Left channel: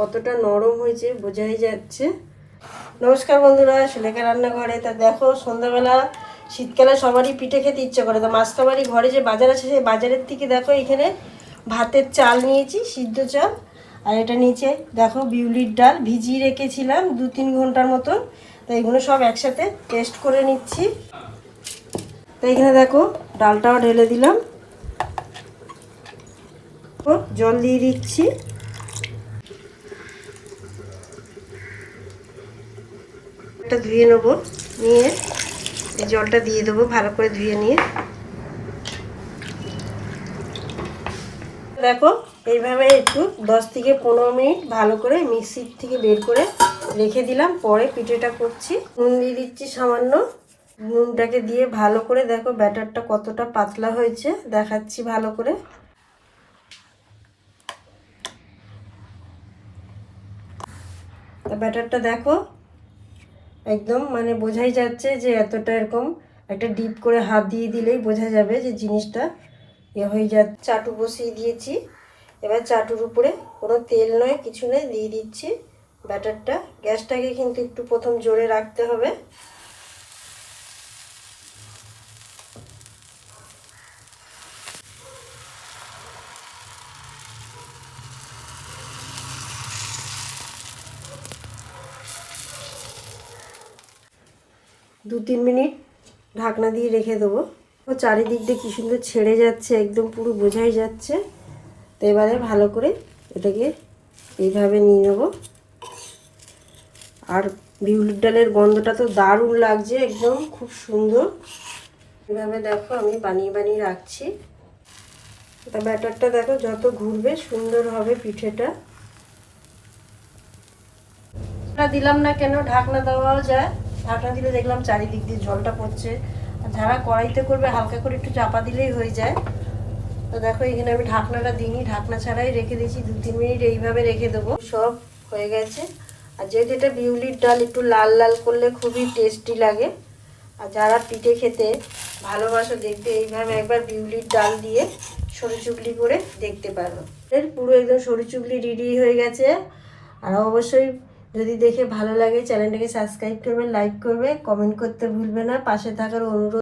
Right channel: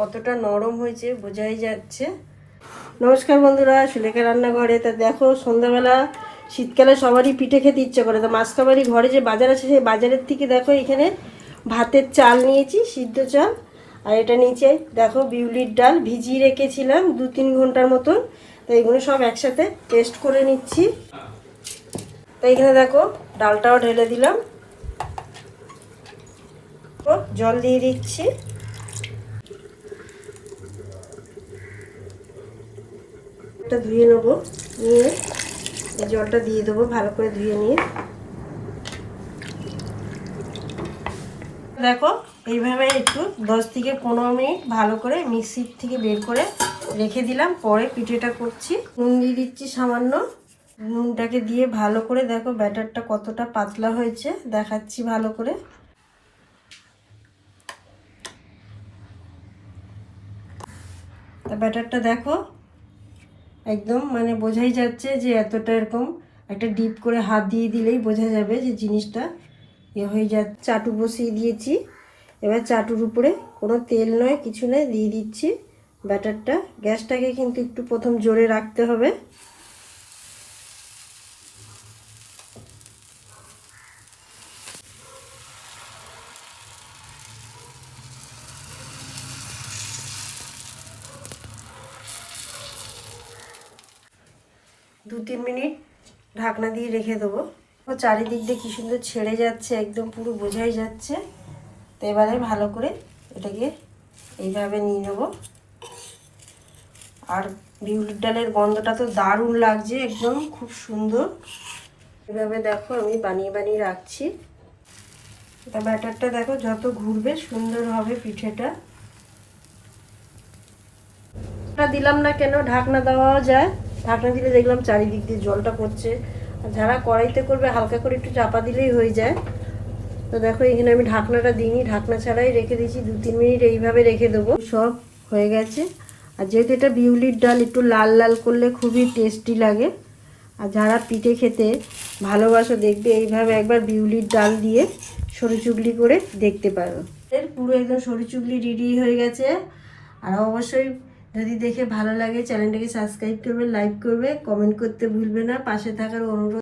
কতটা নরম হয়েছে বোঝাই যাচ্ছে। নমস্কার বন্ধুরা, সুলেখা রান্নাঘরে। তা দেখো, সন্ধ্যাবেলা, শীতকালে সবারই পিঠে খেতে ইচ্ছে করে। তা মাসকাবাড়ি ঘরে যে বাজার আছে, সেই বাজারের থেকে দেখো, এখানে ভাতের চাল নিয়েছি, সিদ্ধ চাল, আর এটা নিচে দেখো, বিউলির ডাল ভিজিয়ে রেখেছিলাম দু তিন ঘণ্টার মতন। তো এগুলো সব একসাথে টেস্ট করে নিচ্ছি। তো এখানে দেখো, ডালটাও ঢেলে দিলাম। জল দিয়ে দিচ্ছি। এটা ধুয়ে নেব, নিয়ে এই জলটা দিয়ে দেবো, ভালো করে ধুয়ে নিয়ে। দেখো, এইভাবে একটু দশ থেকে পনেরো মিনিট ভালো করে মিক্সির থেকে বের করে রেখে দিলাম। পরে পিঠেটা করছি। নুন দিয়ে দিচ্ছি সামান্য। নুনটাকে দিয়ে ভালো করে দেখো, ব্যাটারটা কতটা পাতলা হয়েছে, দেখাচ্ছি ভালো করে। ব্যাটারটা দেখো একদম মানে বোঝাই যাচ্ছে যে এতটা এরকম একটা ডিপ করে হাত দিয়ে দিলেই বোঝা যাবে যে জিনিসটা এ হয়ে যা, চাটু বসিয়ে দিয়েছি। এবার চাটুর উপরে কোনো তেল নয়, কিছু নয়, দিয়ে দিচ্ছি ব্যাটারটা। গ্যাসটাকে কিন্তু একটু প্রথম জোরে রাখতে হবে। দু তিন মিনিট ঢাকনা দিয়ে রেখে দেবো। ও চারিদিক দিয়ে কি সুন্দর ছেড়ে যাচ্ছে, একদম পুরো বোঝাই যাচ্ছে। তো এবারে ভালো করে এটাকে এইভাবে নিয়ে নেব। আর বিউলির ডালের গন্ধটা তো দারুণ লাগছে, একদম খুব সুন্দর। এভাবে দেখো আমি বানিয়ে বানিয়ে রাখছি। তা ব্যাটারটা দেখো যত ঘুরবে সুন্দর হবে পিঠেটা। দিলাম না কেন? ঢাকনা দেওয়া যায়। ঢাকনা দিলে দেখলাম চারিদিক দিয়ে জলটা পড়ছে। যারা কড়াইতে করবে, হালকা করে একটু চাপা দিলেই হয়ে যায়। তো দেখো, এখানে আমি ঢাকনাটা দিইনি, ঢাকনা ছাড়াই রেখে দিয়েছি, দু তিন মিনিট এইভাবে রেখে দেবো। সব হয়ে গেছে। আর যেহেতু এটা বিউলির ডাল, একটু লাল লাল করলে খুবই টেস্টি লাগে। আর যারা পিঠে খেতে ভালোবাসো, দেখবে এইভাবে একবার বিউলির ডাল দিয়ে সরু চুগলি করে দেখতে পারো। পুরো একদম সরু চুগলি রেডি হয়ে গেছে। আর অবশ্যই যদি দেখে ভালো লাগে, চ্যানেলটাকে সাবস্ক্রাইব করবে লাইক করবে কমেন্ট করতে ভুলবে না। পাশে থাকার অনুরোধ